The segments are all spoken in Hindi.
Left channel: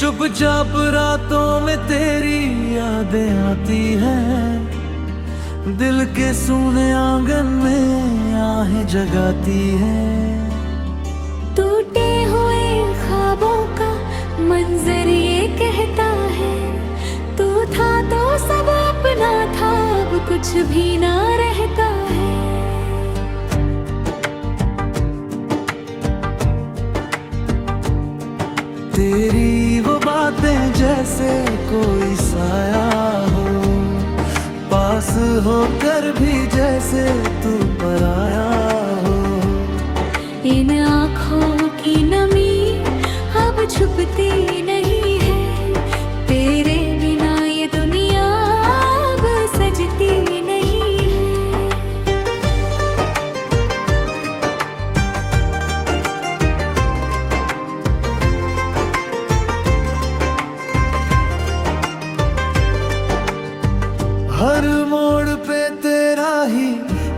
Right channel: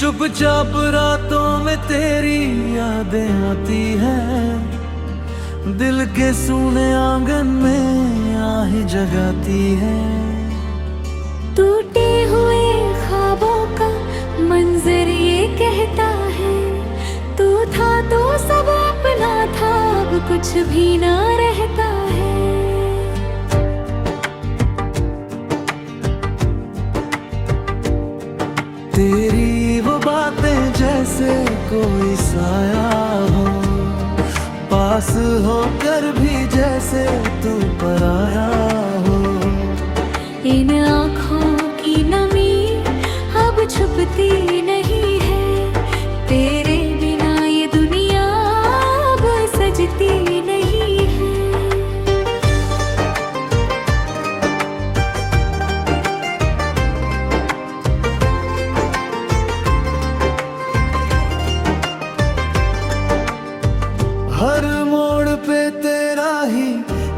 चुपचाप रातों में तेरी यादें आती हैं, दिल के सूने आंगन में आहें जगाती हैं। टूटे हुए ख्वाबों का मंजर ये कहता है, तू था तो सब अपना था, अब कुछ भी ना रहता है। तेरी वो बातें जैसे कोई साया हो, पास होकर भी जैसे तू पराया हो। इन आँखों की नमी अब छुपती नहीं है, तेरे बिना ये दुनिया अब सजती नहीं है। हर मोड़ पे तेरा ही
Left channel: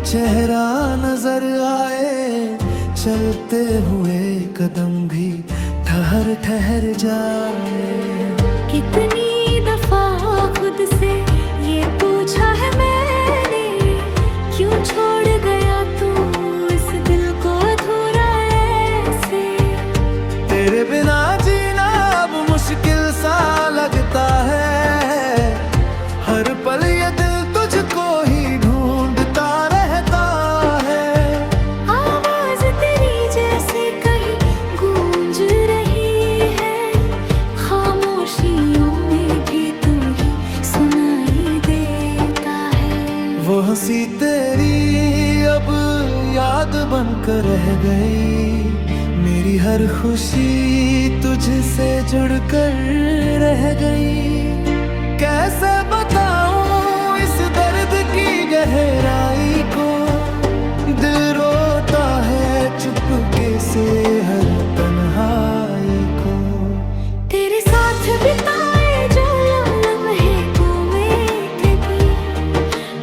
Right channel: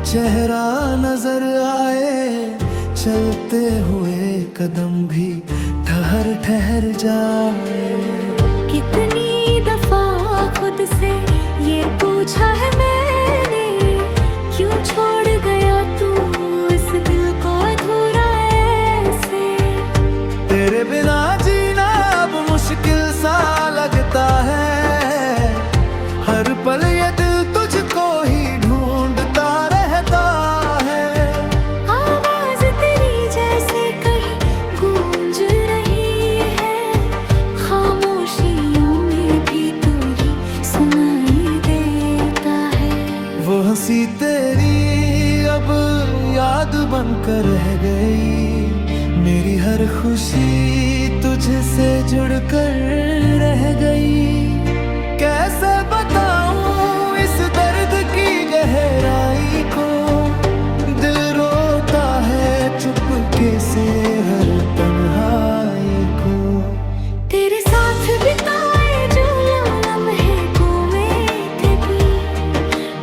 चेहरा नजर आए, चलते हुए कदम भी ठहर ठहर जाए। कितनी दफा खुद से ये पूछा है मैंने, क्यों छोड़ गया तू इस दिल को अधूरा ऐसे। तेरे बिना जीना अब मुश्किल सा लगता है, हर पल ये दिल तुझको ही ढूंढता रहता है। आवाज तेरी जैसे कहीं गूंज रही है, खामोशियों में भी तू ही सुनाई देता है। वो हंसी तेरी अब याद बनकर रह गई, मेरी हर खुशी तुझसे जुड़कर रह गई। कैसे बताऊं इस दर्द की गहराई को, दिल रोता है चुपके से हर तन्हाई को। तेरे साथ बिताए जो लम्हे को में थे,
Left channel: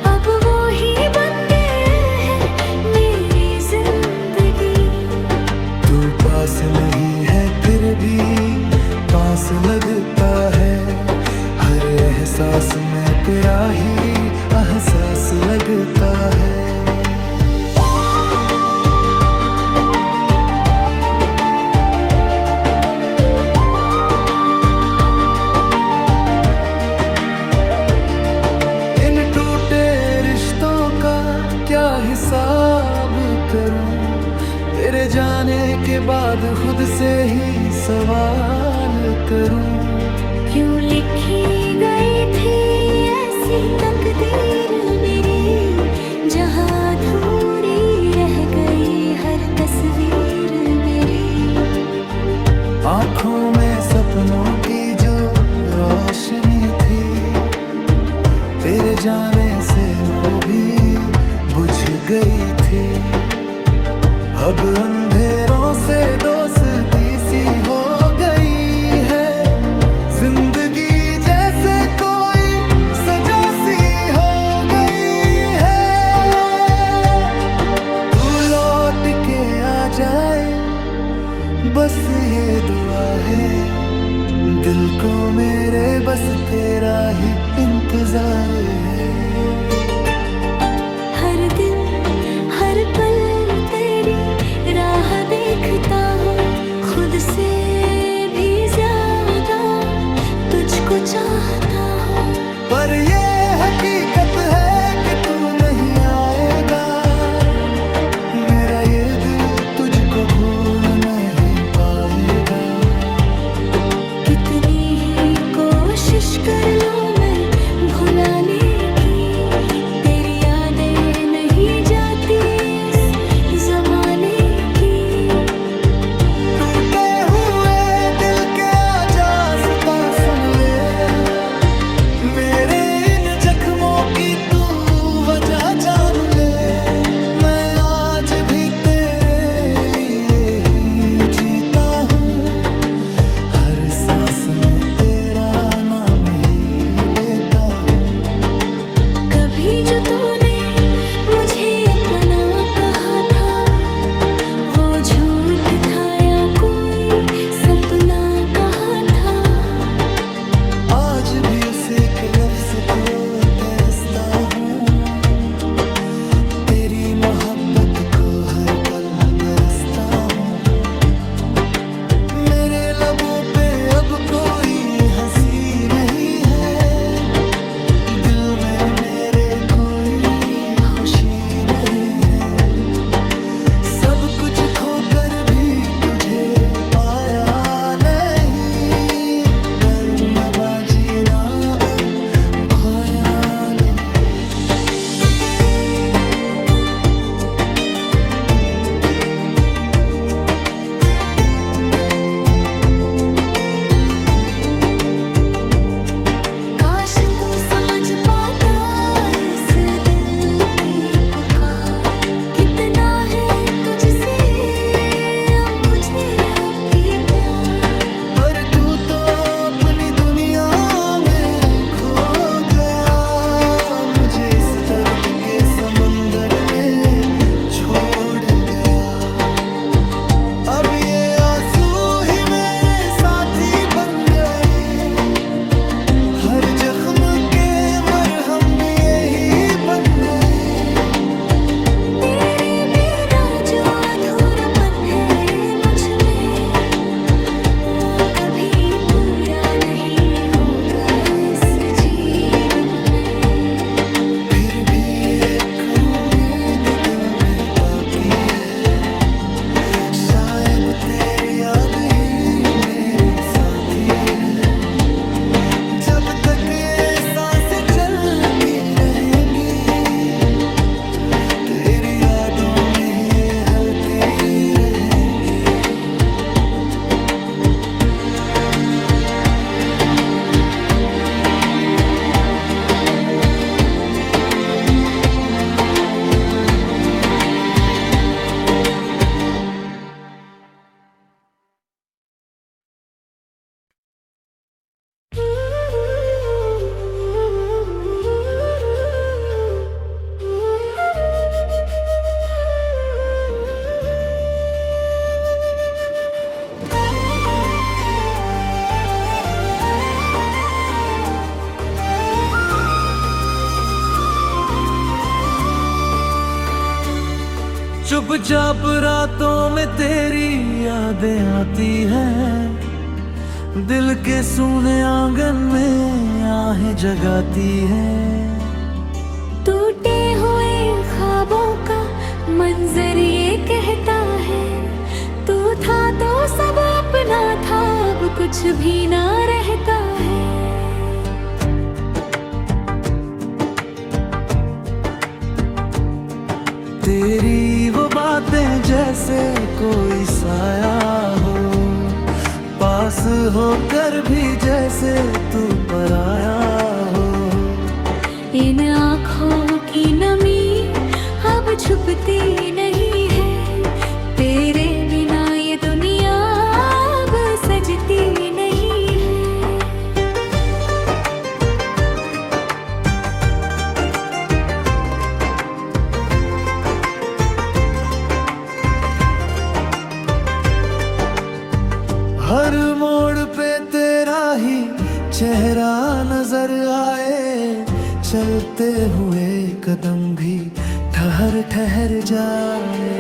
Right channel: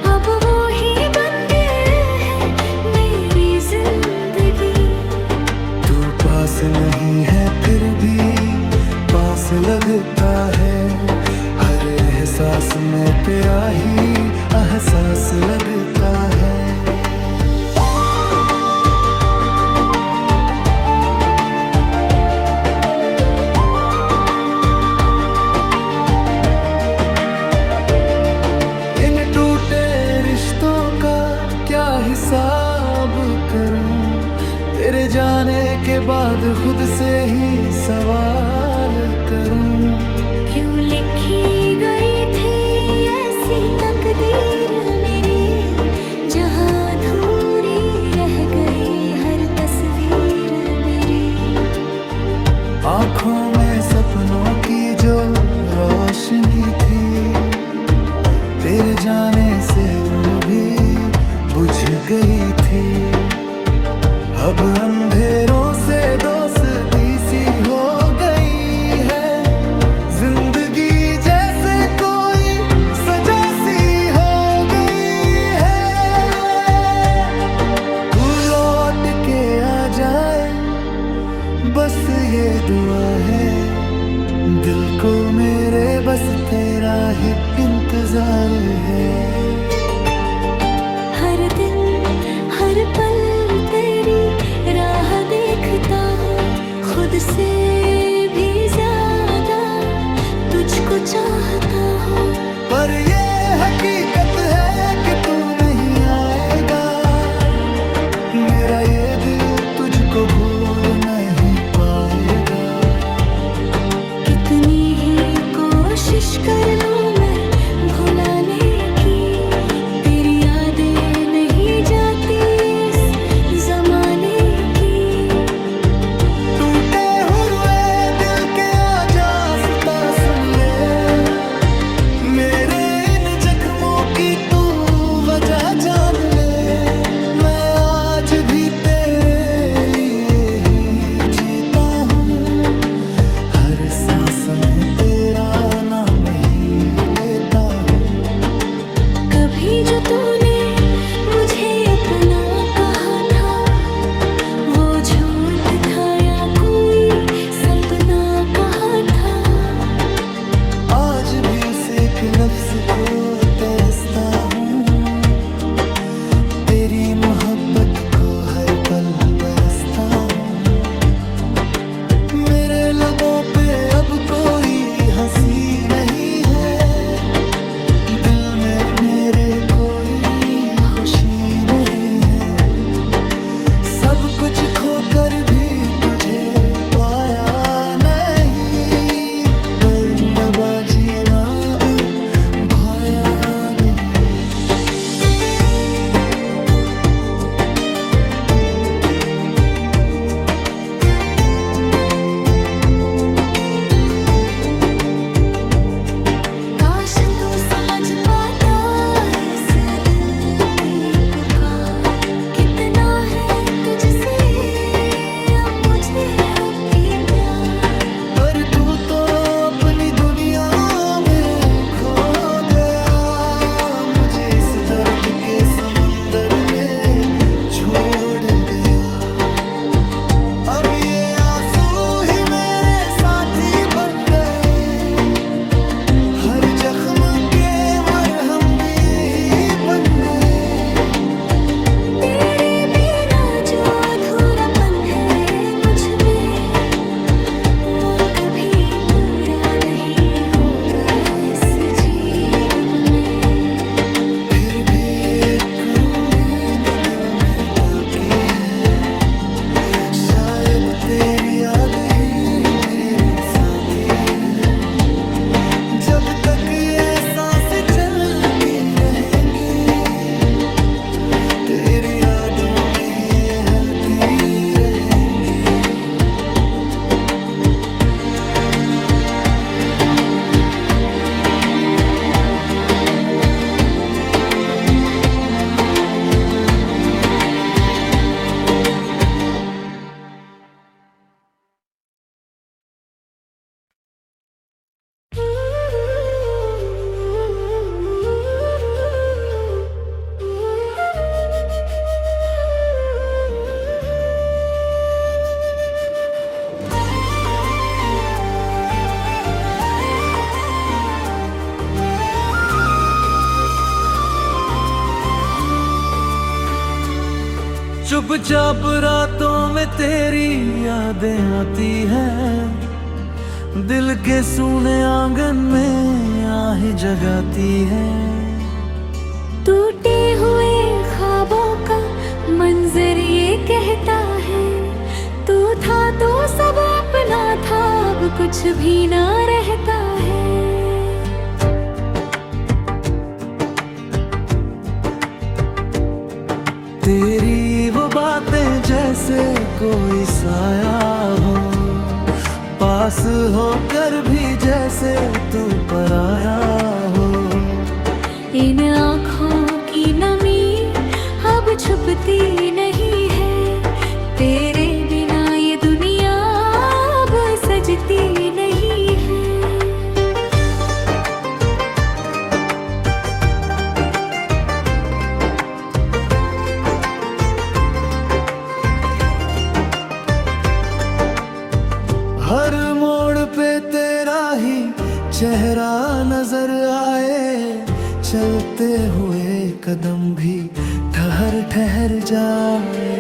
अब वो ही बन गए हैं मेरी जिंदगी। तू पास नहीं है फिर भी पास लगता है, हर एहसास में तेरा ही एहसास लगता है। इन टूटे रिश्तों का क्या हिसाब करूं, तेरे जाने के बाद खुद से ही सवाल करूं। क्यों लिखी गई थी ऐसी तकदीर मेरी, जहां अधूरी रह गई हर तस्वीर मेरी। आँखों में सपनों की जो रोशनी थी, तेरे जाने से वो भी बुझ गई थी। अब अंधेरों से दोस्ती सी हो गई है, जिंदगी जैसे कोई सजा सी हो गई है। तू लौट के आ जाए बस ये दुआ है, दिल को मेरे बस तेरा ही इंतजार है। हर दिन हर पल तेरी राह देखता हूँ, खुद से भी ज्यादा तुझको चाहता हूँ। पर ये हकीकत है कि तू नहीं आएगा, मेरा ये दिल तुझको भूल नहीं पाएगा। कितनी ही कोशिश कर लूं मैं भुलाने की, तेरी यादें नहीं जाती इस जमाने की। टूटे हुए दिल के आजास्ता सुन ले, मेरे इन जख्मों की तू वजह जान ले। मैं आज भी तेरे लिए ही जीता हूँ, हर सांस में तेरा नाम ही लेता हूँ। कभी जो तूने मुझे अपना कहा था, वो झूठ था या कोई सपना कहा था। आज भी उस एक लफ्ज को तरसता हूँ, तेरी मोहब्बत को हर पल बरसता हूँ। मेरे लबों पे अब कोई हंसी नहीं है, दिल में मेरे कोई खुशी नहीं है। सब कुछ खोकर भी तुझे पाया नहीं, बरनबाजी ना भाया नहीं। काश तू समझ पाता इस दिल की पुकार, कितना है तुझसे अब मुझे अभी प्यार। पर तू तो अपनी दुनिया में खो गया, मुझे इस दर्द के समंदर में छोड़ गया। अब ये आंसू ही मेरे साथी बन गए, हर जख्म के मरहम भी यही बन गए। तेरे बिना जो अधूरापन है मुझ में, वो कभी पूरा नहीं होगा इस जीवन में। फिर भी एक उम्मीद दिल में बाकी है, शायद तेरी याद ही मेरी साथी है। जब तक ये सांसें चलती रहेंगी, तेरी यादों में ही ये हलती रहेंगी। चुपचाप रातों में तेरी यादें आती हैं, दिल के सूने आंगन में आहें जगाती हैं। टूटे हुए ख्वाबों का मंजर ये कहता है, तू था तो सब अपना था, अब कुछ भी ना रहता है। तेरी वो बातें जैसे कोई साया हो, पास होकर भी जैसे तू पराया हो। इन आँखों की नमी अब छुपती नहीं है, तेरे बिना ये दुनिया अब सजती नहीं है। हर मोड़ पे तेरा ही चेहरा नजर आए, चलते हुए कदम भी ठहर ठहर जाए।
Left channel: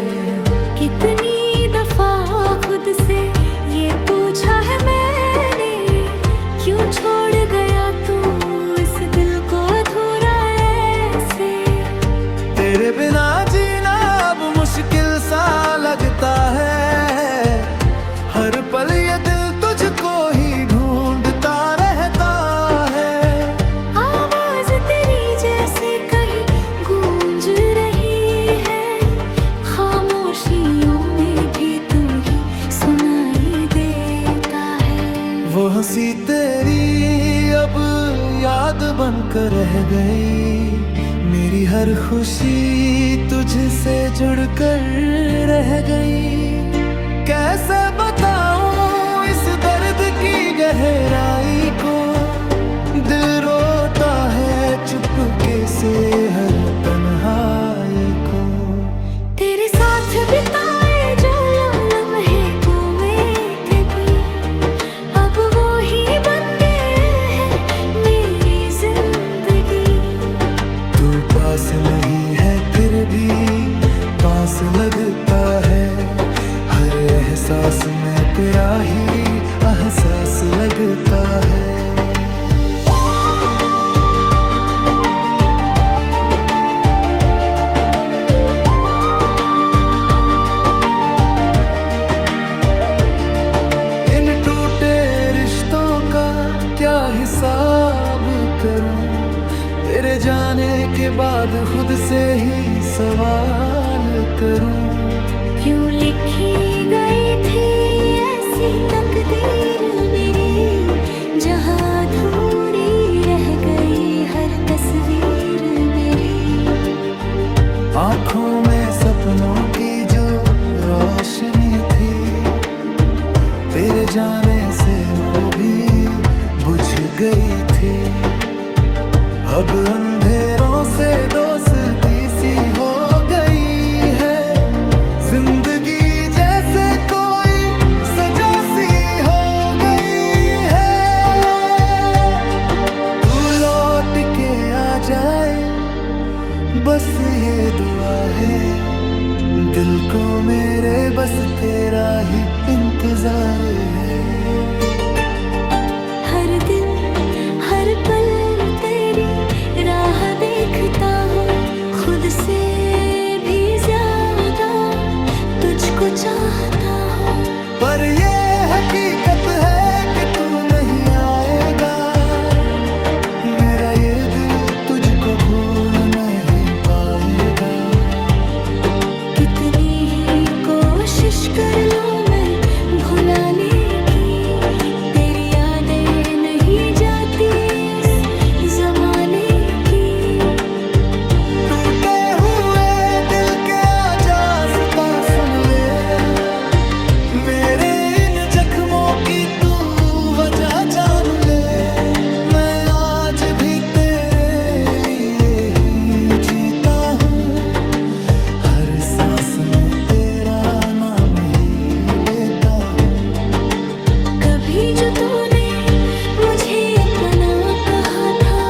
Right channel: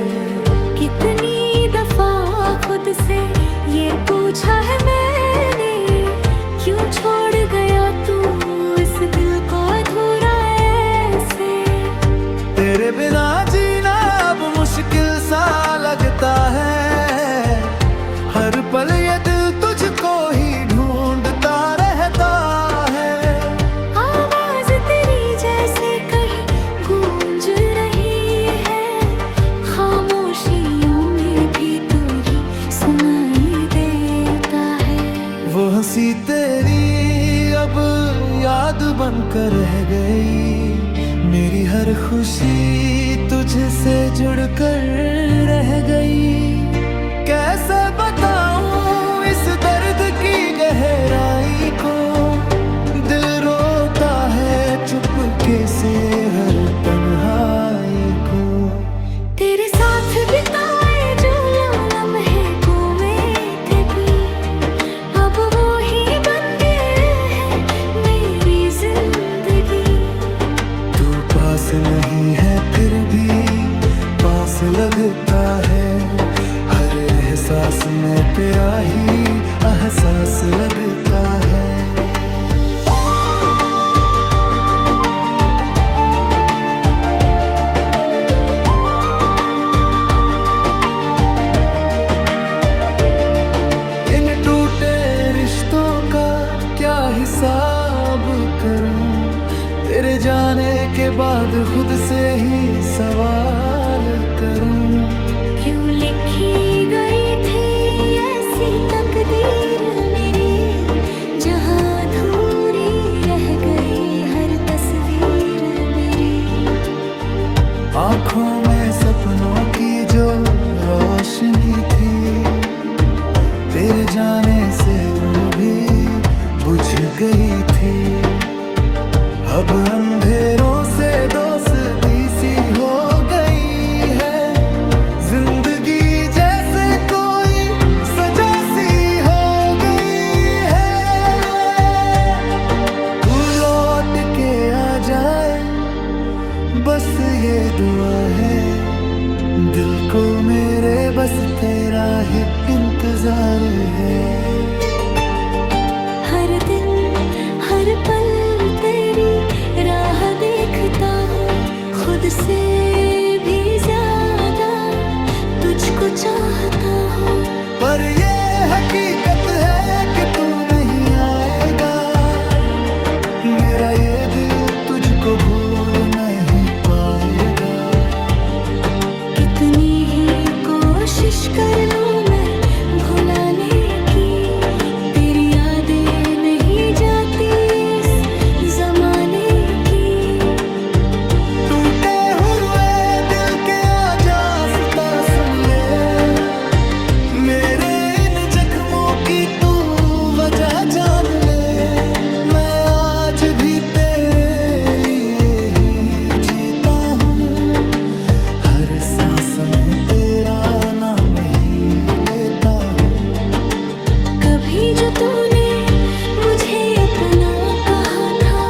कितनी दफा खुद से ये पूछा है मैंने, क्यों छोड़ गया तू इस दिल को अधूरा ऐसे। तेरे बिना जीना अब मुश्किल सा लगता है, हर पल ये दिल तुझको ही ढूंढता रहता है। आवाज तेरी जैसे कहीं गूंज रही है, खामोशियों में भी तू ही सुनाई देता है। वो हंसी तेरी अब याद बनकर रह गई, मेरी हर खुशी तुझसे जुड़कर रह गई। कैसे बताऊं इस दर्द की गहराई को, दिल रोता है चुपके से हर तन्हाई को। तेरे साथ बिताए जो लम्हे को में थे, अब वो ही बन गए हैं पास नहीं है फिर भी पास लगता है। हर एहसास में तेरा ही एहसास लगता है। इन टूटे रिश्तों का क्या हिसाब करूं, तेरे जाने के बाद खुद से ही सवाल करूं। क्यों लिखी गई थी ऐसी तकदीर मेरी, जहां अधूरी रह गई हर तस्वीर मेरी। आँखों में सपनों की जो रोशनी थी, तेरे जाने से वो भी बुझ गई थी। अब अंधेरों से दोस्ती सी हो गई है, जिंदगी जैसे कोई सजा सी हो गई है। तू लौट के आ जाए बस ये दुआ है, दिल को मेरे बस तेरा ही इंतजार है। हर दिन हर पल तेरी राह देखता हूँ, खुद से भी ज्यादा तुझको चाहता हूँ। पर ये हकीकत है कि तू नहीं आएगा, मेरा ये दिल तुझको भूल नहीं पाएगा। कितनी ही कोशिश कर लूं मैं भुलाने की, तेरी यादें नहीं जाती इस जमाने की। टूटे हुए दिल के आजास्ता सुन ले, मेरे इन जख्मों की तू वजह जान ले। मैं आज भी तेरे लिए ही जीता हूँ, हर सांस में तेरा नाम ही लेता हूँ। कभी जो तूने मुझे अपना कहा था,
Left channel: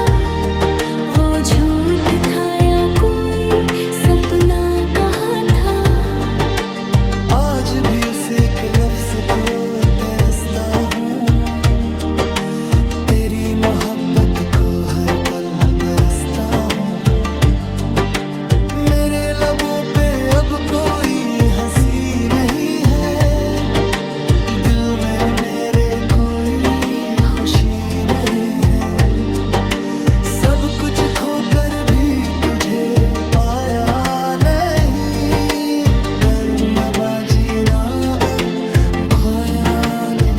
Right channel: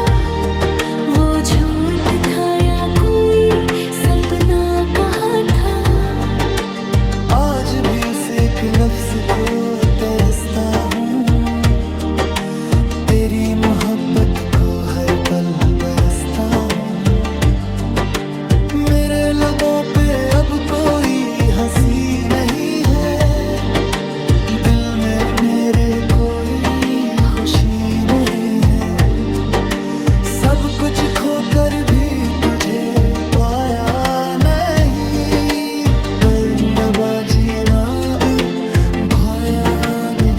वो झूठ था या कोई सपना कहा था। आज भी उस एक लफ्ज को तरसता हूँ, तेरी मोहब्बत को हर पल बरसता हूँ। मेरे लबों पे अब कोई हंसी नहीं है, दिल में मेरे कोई खुशी नहीं है। सब कुछ खोकर भी तुझे पाया नहीं, पर मैं बाजी ना भाया नहीं।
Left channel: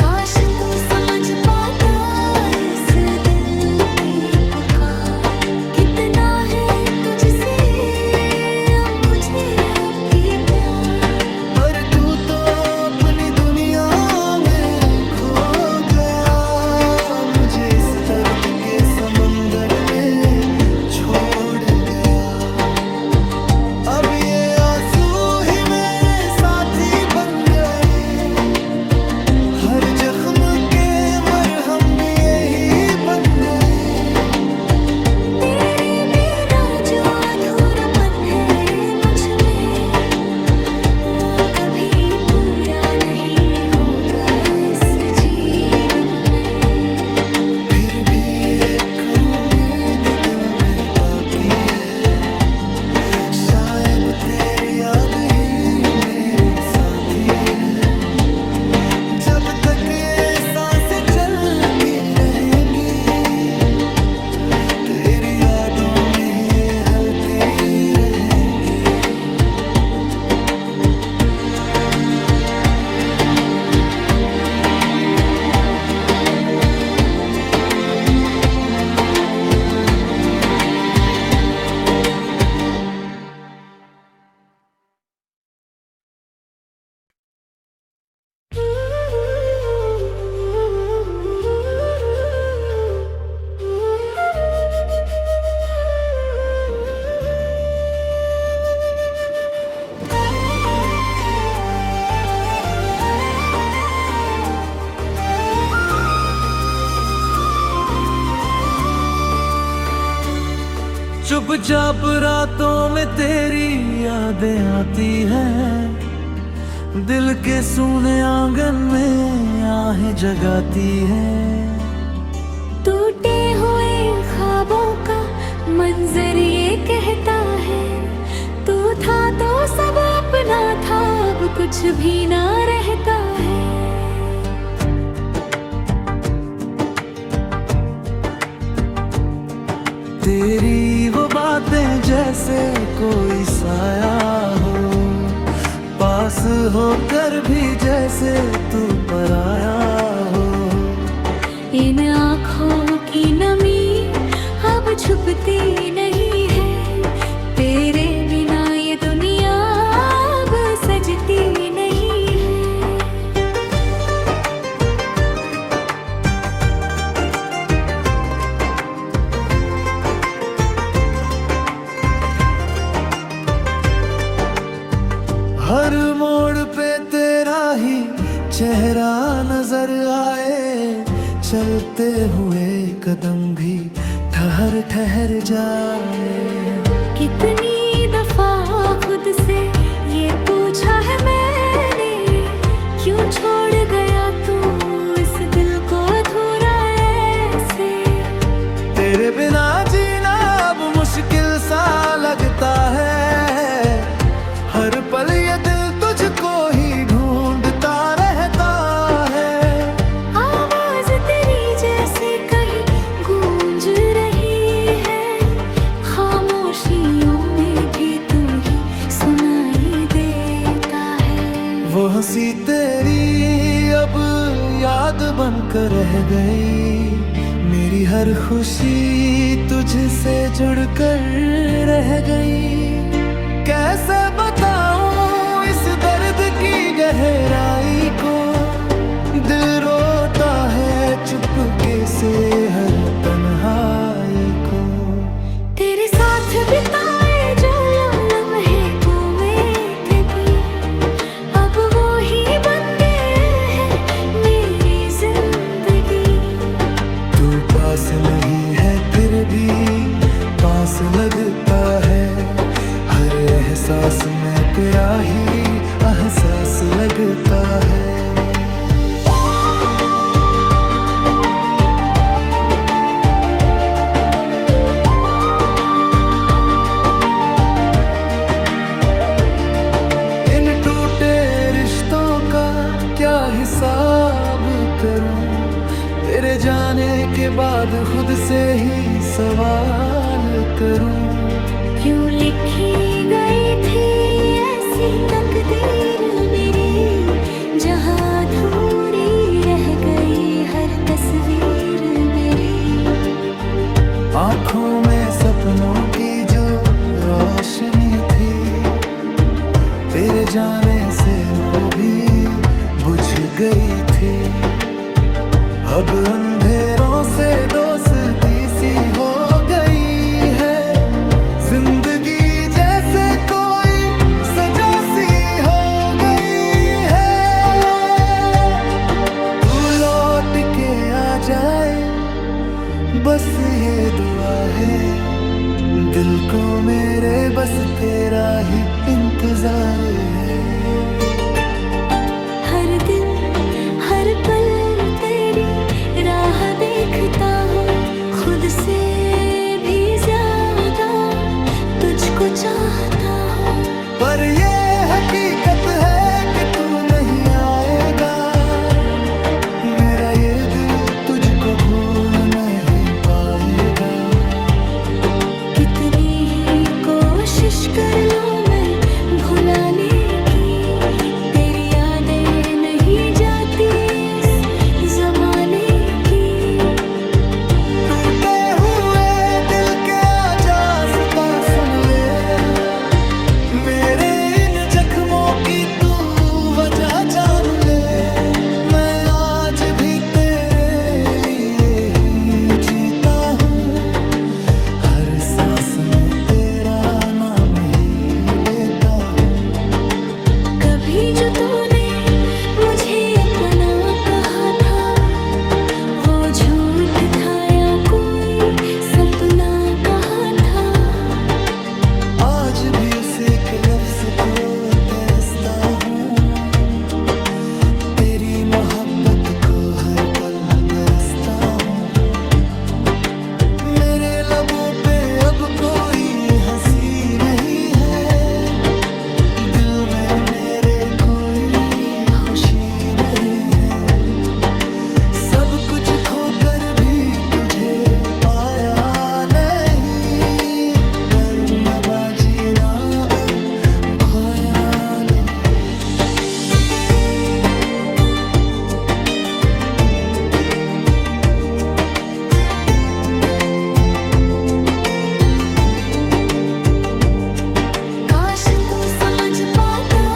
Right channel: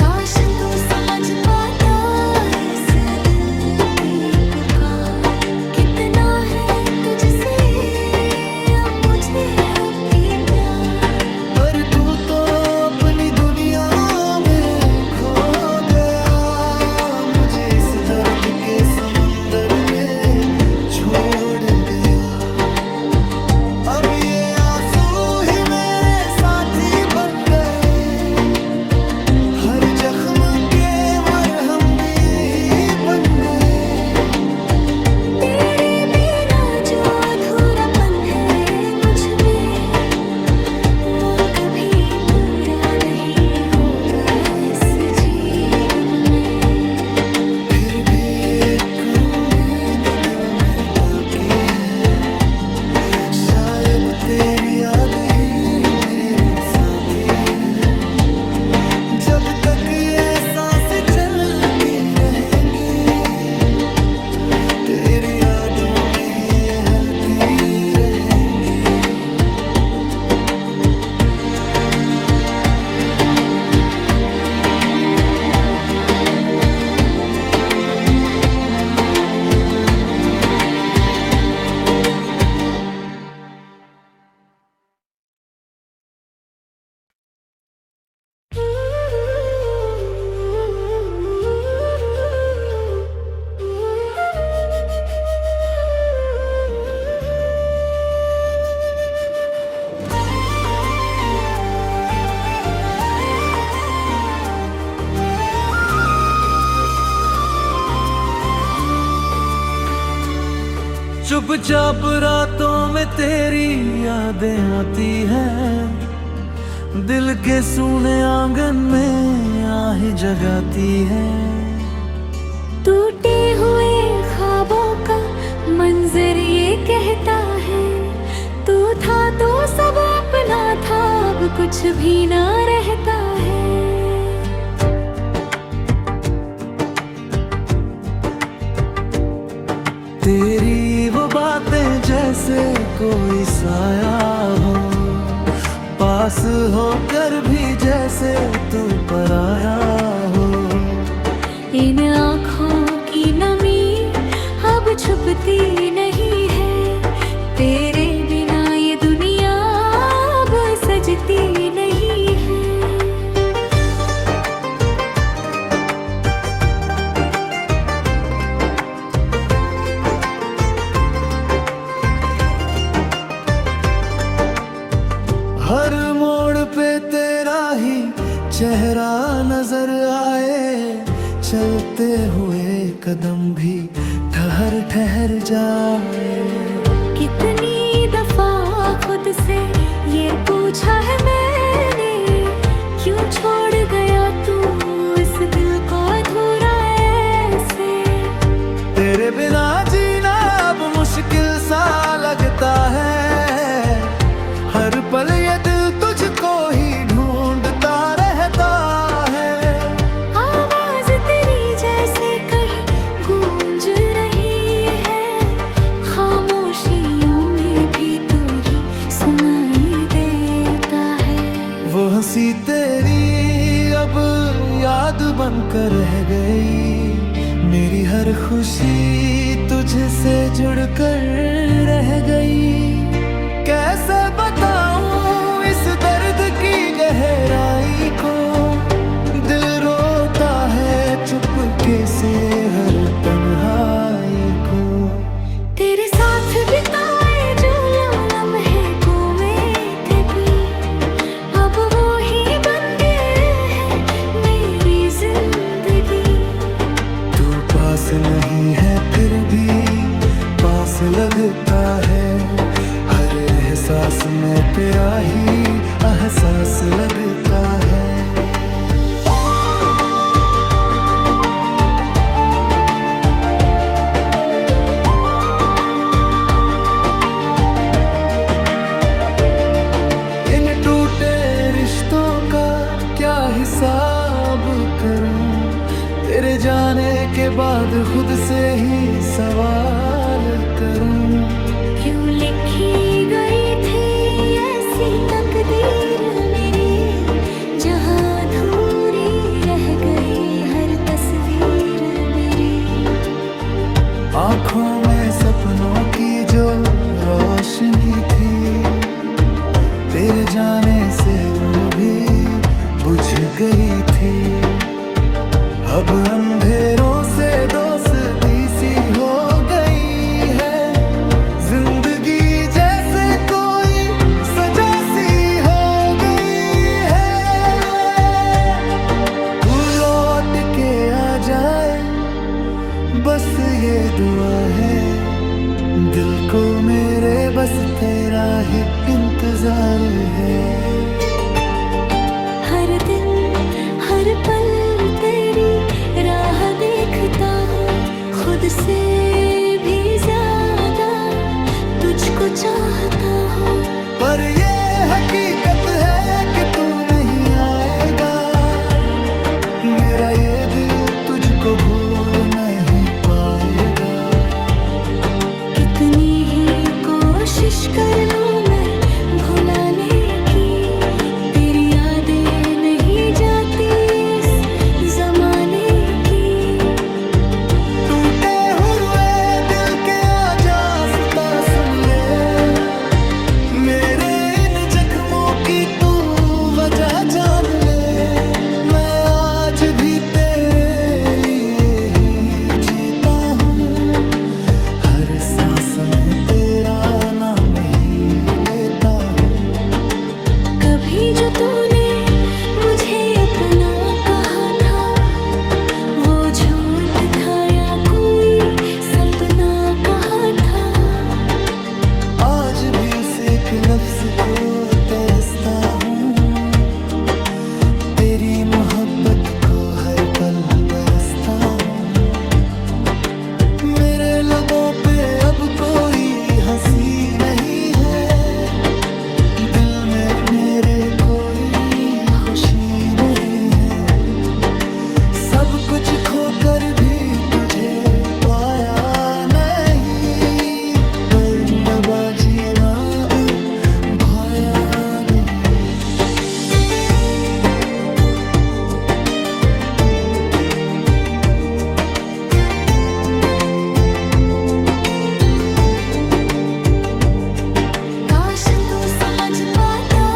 काश तू समझ पाता इस दिल की पुकार, कितना है तुझसे अब मुझे अभी प्यार। पर तू तो अपनी दुनिया में खो गया, मुझे इस दर्द के समंदर में छोड़ गया। अब ये आंसू ही मेरे साथी बन गए, हर जख्म के मरहम भी यही बन गए। तेरे बिना जो अधूरापन है मुझ में, वो कभी पूरा नहीं होगा इस जीवन में। फिर भी एक उम्मीद दिल में बाकी है, शायद तेरी याद ही मेरी साथी है। जब तक ये सांसें चलती रहेंगी, तेरी यादों में ही ये हलती रहेंगी। चुपचाप रातों में तेरी यादें आती हैं, दिल के सूने आंगन में आहें जगाती हैं। टूटे हुए ख्वाबों का मंजर ये कहता है, तू था तो सब अपना था, अब कुछ भी ना रहता है। तेरी वो बातें जैसे कोई साया हो, पास होकर भी जैसे तू पराया हो। इन आँखों की नमी अब छुपती नहीं है, तेरे बिना ये दुनिया अब सजती नहीं है। हर मोड़ पे तेरा ही चेहरा नजर आए, चलते हुए कदम भी ठहर ठहर जाए। कितनी दफा खुद से ये पूछा है मैंने, क्यों छोड़ गया तू इस दिल को अधूरा ऐसे। तेरे बिना जीना अब मुश्किल सा लगता है, हर पल ये दिल तुझको ही ढूंढता रहता है। आवाज तेरी जैसे कहीं गूंज रही है, खामोशियों में भी तू ही सुनाई देता है। वो हंसी तेरी अब याद बनकर रह गई, मेरी हर खुशी तुझसे जुड़कर रह गई। कैसे बताऊं इस दर्द की गहराई को, दिल रोता है चुपके से हर तन्हाई को। तेरे साथ बिताए जो लम्हे को में थे की, अब वो ही बन गए हैं मेरी जिंदगी। तू पास नहीं है फिर भी पास लगता है, हर एहसास में तेरा ही एहसास लगता है। इन टूटे रिश्तों का क्या हिसाब करूं, तेरे जाने के बाद खुद से ही सवाल करूं। क्यों लिखी गई थी ऐसी तकदीर मेरी, जहां अधूरी रह गई हर तस्वीर मेरी। आँखों में सपनों की जो रोशनी थी, तेरे जाने से वो भी बुझ गई थी। अब अंधेरों से दोस्ती सी हो गई है, जिंदगी जैसे कोई सजा सी हो गई है। तू लौट के आ जाए बस ये दुआ है, दिल को मेरे बस तेरा ही इंतजार है। हर दिन हर पल तेरी राह देखता हूँ, खुद से भी ज्यादा तुझको चाहता हूँ। पर ये हकीकत है कि तू नहीं आएगा, मेरा ये दिल तुझको भूल नहीं पाएगा। कितनी ही कोशिश कर लूं मैं भुलाने की, तेरी यादें नहीं जाती इस जमाने की। टूटे हुए दिल के आजास्ता सुन ले, मेरे इन जख्मों की तू वजह जान ले। मैं आज भी तेरे लिए ही जीता हूँ, हर सांस में तेरा नाम ही लेता हूँ। कभी जो तूने मुझे अपना कहा था, वो झूठ था या कोई सपना कहा था। आज भी उस एक लफ्ज को तरसता हूँ, तेरी मोहब्बत को हर पल बरसता हूँ। मेरे लबों पे अब कोई हंसी नहीं है, दिल में मेरे कोई खुशी नहीं है। सब कुछ खोकर भी तुझे पाया नहीं, वरना बाजी ना भाया नहीं। काश तू समझ पाता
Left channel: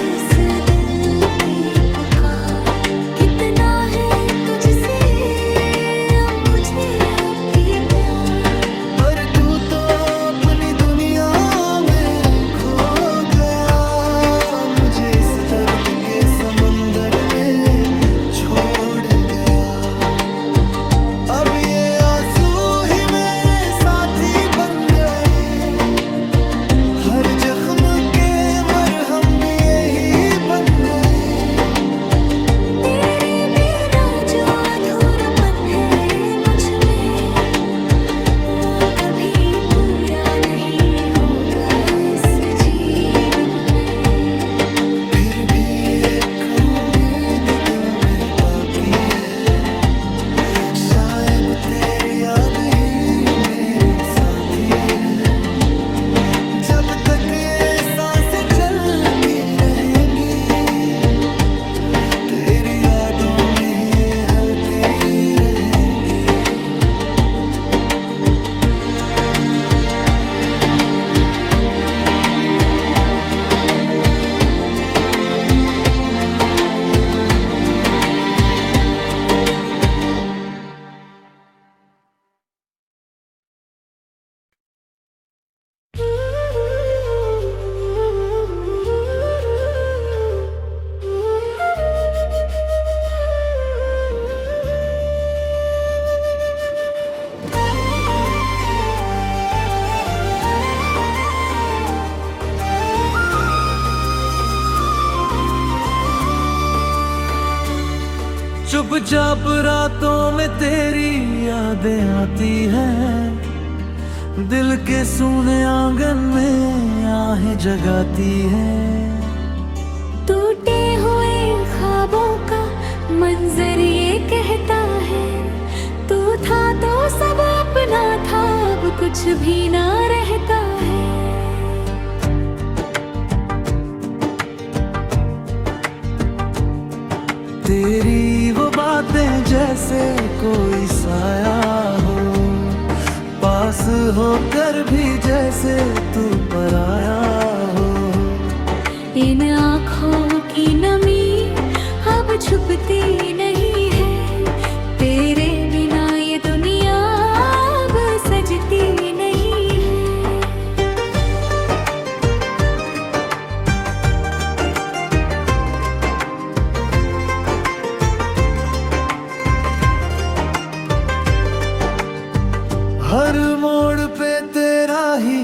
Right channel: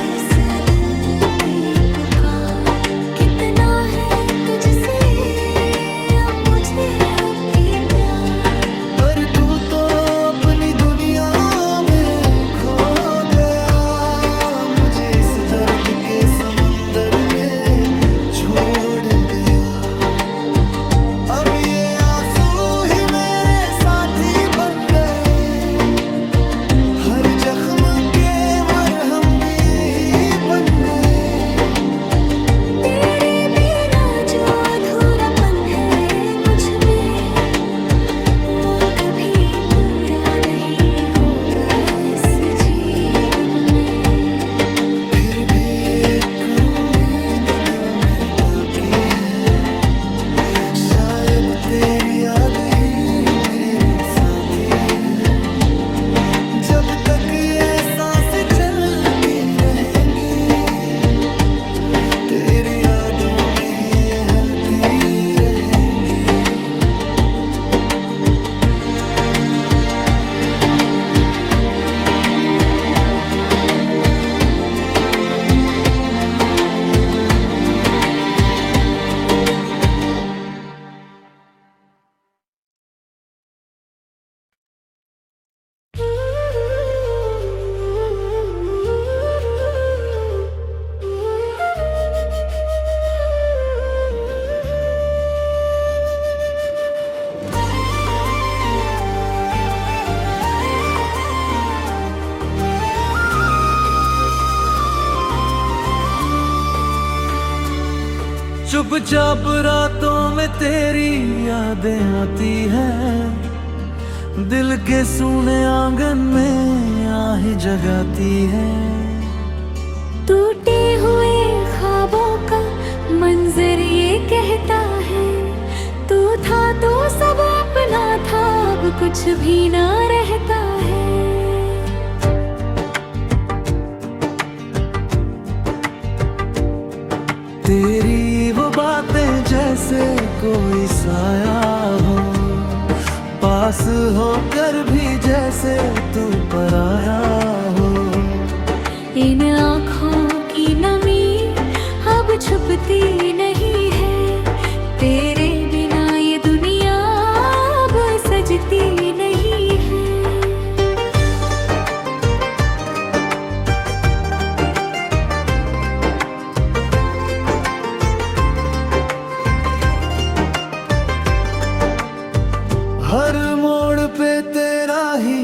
इस दिल की पुकार, कितना है तुझसे अब मुझे अब भी प्यार। पर तू तो अपनी दुनिया में खो गया, मुझे इस दर्द के समंदर में छोड़ गया। अब ये आंसू ही मेरे साथी बन गए, हर जख्म के मरहम भी यही बन गए। तेरे बिना जो अधूरापन है मुझ में, वो कभी पूरा नहीं होगा इस जीवन में। फिर भी एक उम्मीद दिल में बाकी है, शायद तेरी याद ही मेरी साथी है। जब तक ये सांसें चलती रहेंगी, तेरी यादों में ही ये हलती रहेंगी। चुपचाप रातों में तेरी यादें आती हैं, दिल के सूने आंगन में आहें जगाती हैं। टूटे हुए ख्वाबों का मंजर ये कहता है, तू था तो सब अपना था, अब कुछ भी ना रहता है। तेरी वो बातें जैसे कोई साया हो, पास होकर भी जैसे तू पराया हो। इन आँखों की नमी अब छुपती नहीं है, तेरे बिना ये दुनिया अब सजती नहीं है। हर मोड़ पे तेरा ही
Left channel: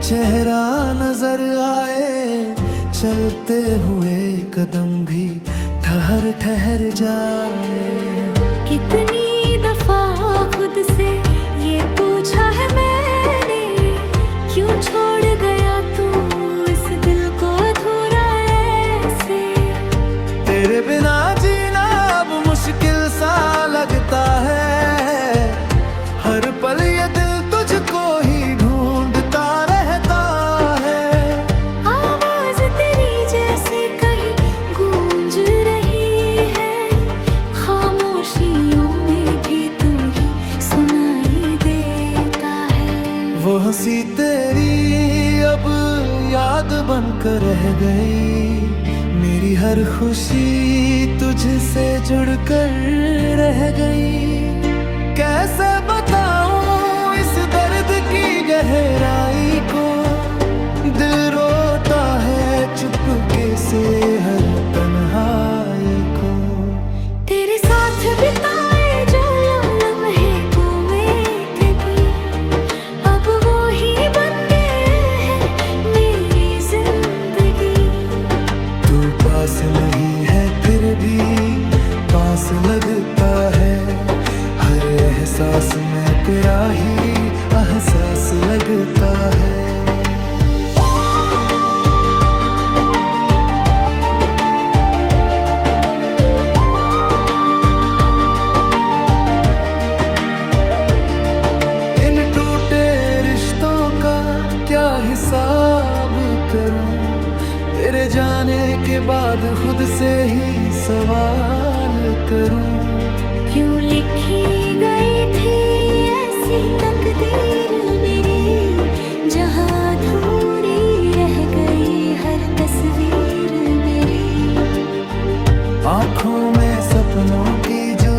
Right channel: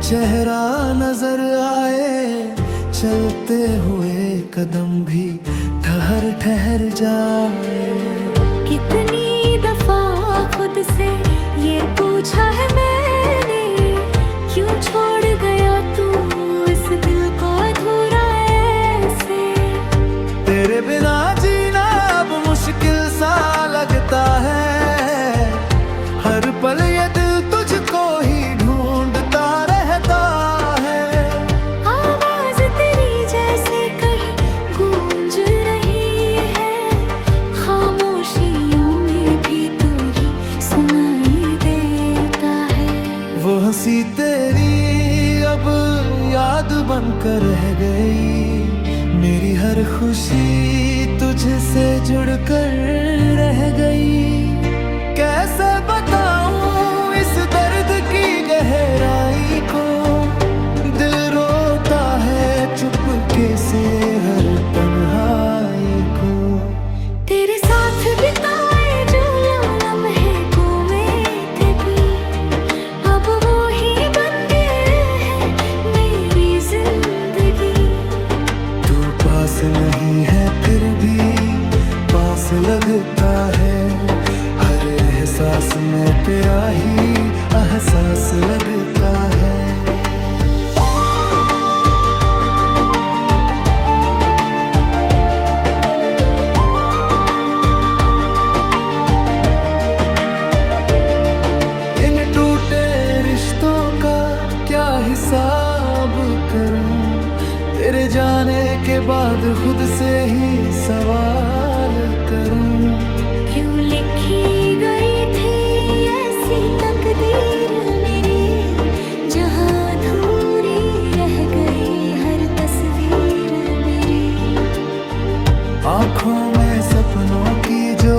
चेहरा नजर आए, चलते हुए कदम भी ठहर ठहर जाए। कितनी दफा खुद से ये पूछा है मैंने, क्यों छोड़ गया तू इस दिल को अधूरा ऐसे। तेरे बिना जीना अब मुश्किल सा लगता है, हर पल ये दिल तुझको ही ढूंढता रहता है। आवाज तेरी जैसे कहीं गूंज रही है, खामोशियों में भी तू ही सुनाई देता है। वो हंसी तेरी अब याद बनकर रह गई, मेरी हर खुशी तुझसे जुड़कर रह गई। कैसे बताऊं इस दर्द की गहराई को, दिल रोता है चुपके से हर तन्हाई को। तेरे साथ बिताए जो लम्हे गुमे थे, अब वो ही बन गए हैं पास नहीं है फिर भी पास लगता है, हर एहसास में तेरा ही एहसास लगता है। इन टूटे रिश्तों का क्या हिसाब करूं, तेरे जाने के बाद खुद से ही सवाल करूं। क्यों लिखी गई थी ऐसी तकदीर मेरी, जहां अधूरी रह गई हर तस्वीर मेरी। आंखों में सपनों की जो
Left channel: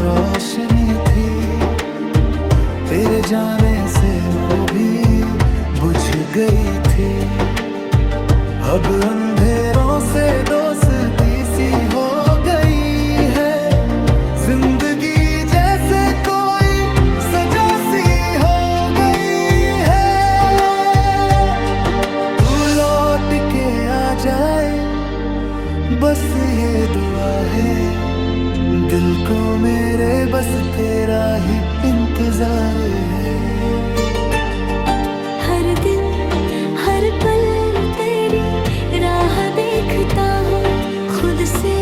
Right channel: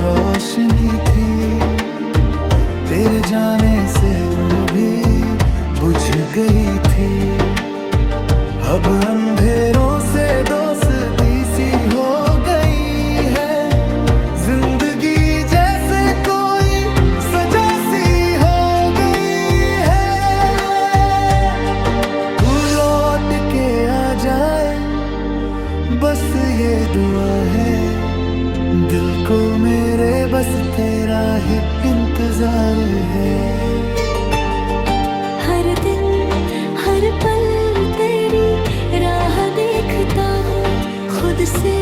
रोशनी थी, तेरे जाने से वो भी बुझ गई थी। अब अंधेरों से दोस्ती सी हो गई है, जिंदगी जैसे कोई सजा सी हो गई है। तू लौट के आ जाए बस ये दुआ है, दिल को मेरे बस तेरा ही इंतजार है। हर दिन हर पल तेरी राह देखता हूँ, खुद से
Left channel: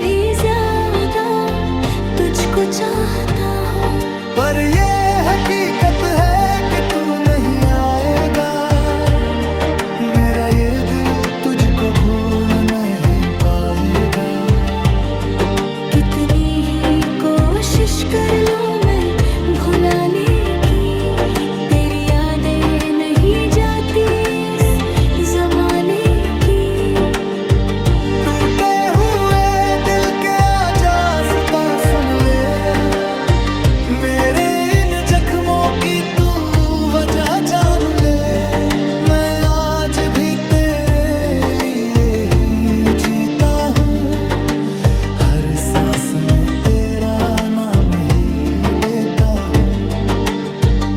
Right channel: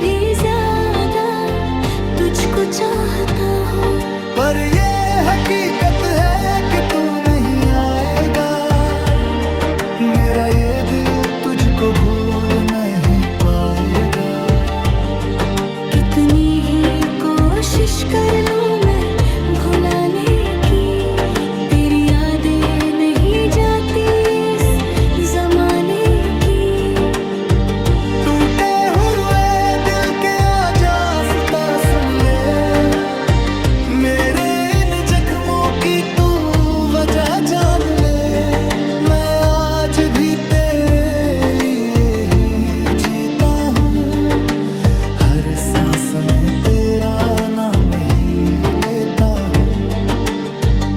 भी ज्यादा तुझको चाहता हूँ। पर ये हकीकत है कि तू नहीं आएगा, मेरा ये दिल तुझको भूल नहीं पाएगा। कितनी ही कोशिश कर लूं मैं भुलाने की, तेरी यादें नहीं जाती इस जमाने की। टूटे हुए दिल के आजास्ता सुन ले, मेरे इन जख्मों की तू वजह जान ले। मैं आज भी तेरे लिए ही जीता हूँ, हर सांस में तेरा नाम ही लेता हूँ।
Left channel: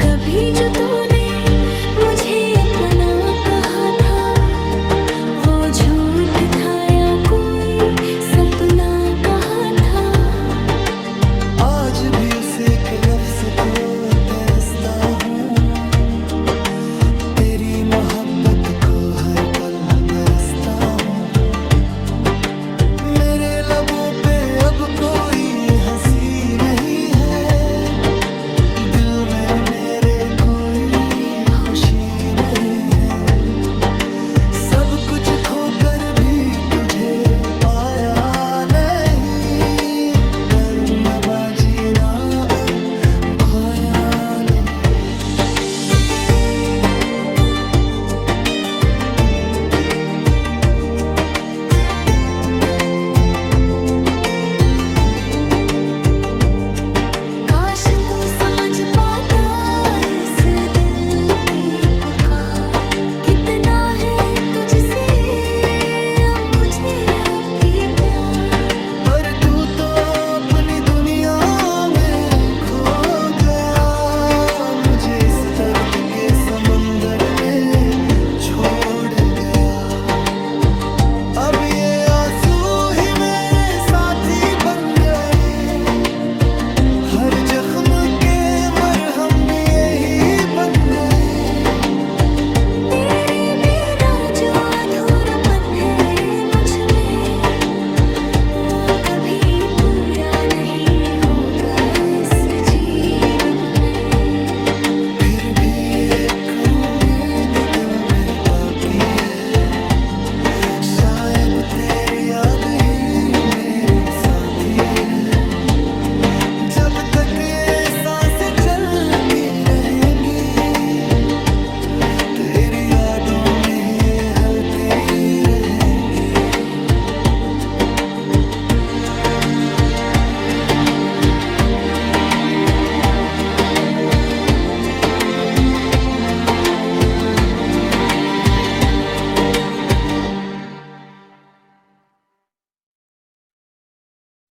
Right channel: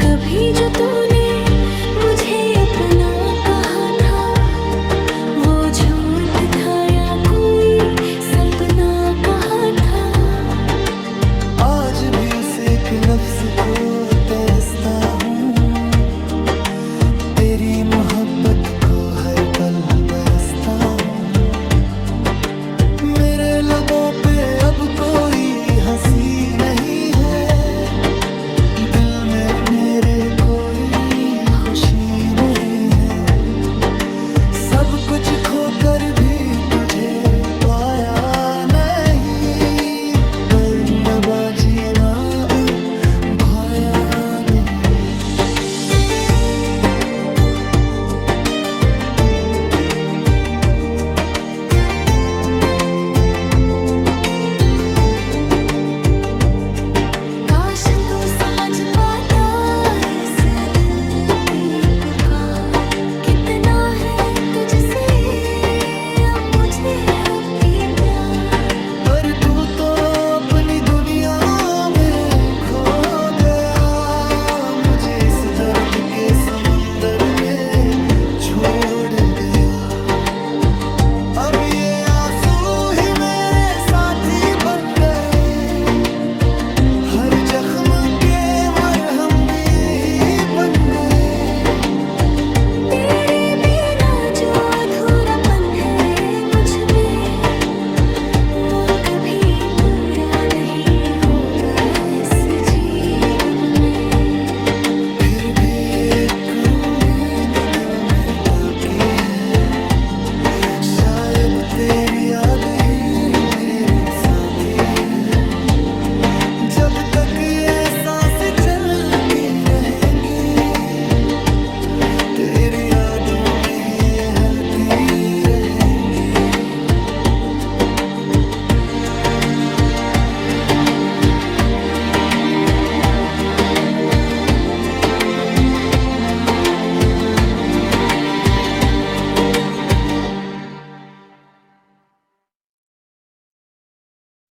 कभी जो तूने मुझे अपना कहा था, वो झूठ था या कोई सपना कहा था। आज भी उस एक लफ्ज को तरसता हूँ, तेरी मोहब्बत को हर पल बरसता हूँ। मेरे लबों पे अब कोई हंसी नहीं है, दिल में मेरे कोई खुशी नहीं है। सब कुछ खोकर भी तुझे पाया नहीं, पर बाजी ना भाया नहीं। काश तू समझ पाता इस दिल की पुकार, कितना है तुझसे अब मुझे अब भी प्यार। पर तू तो अपनी दुनिया में खो गया, मुझे इस दर्द के समंदर में छोड़ गया। अब ये आंसू ही मेरे साथी बन गए, हर जख्म के मरहम भी यही बन गए। तेरे बिना जो अधूरापन है मुझ में, वो कभी पूरा नहीं होगा इस जीवन में। फिर भी एक उम्मीद दिल में बाकी है, शायद तेरी याद ही मेरी साथी है। जब तक ये सांसें चलती रहेंगी, तेरी यादों में ही ये हलती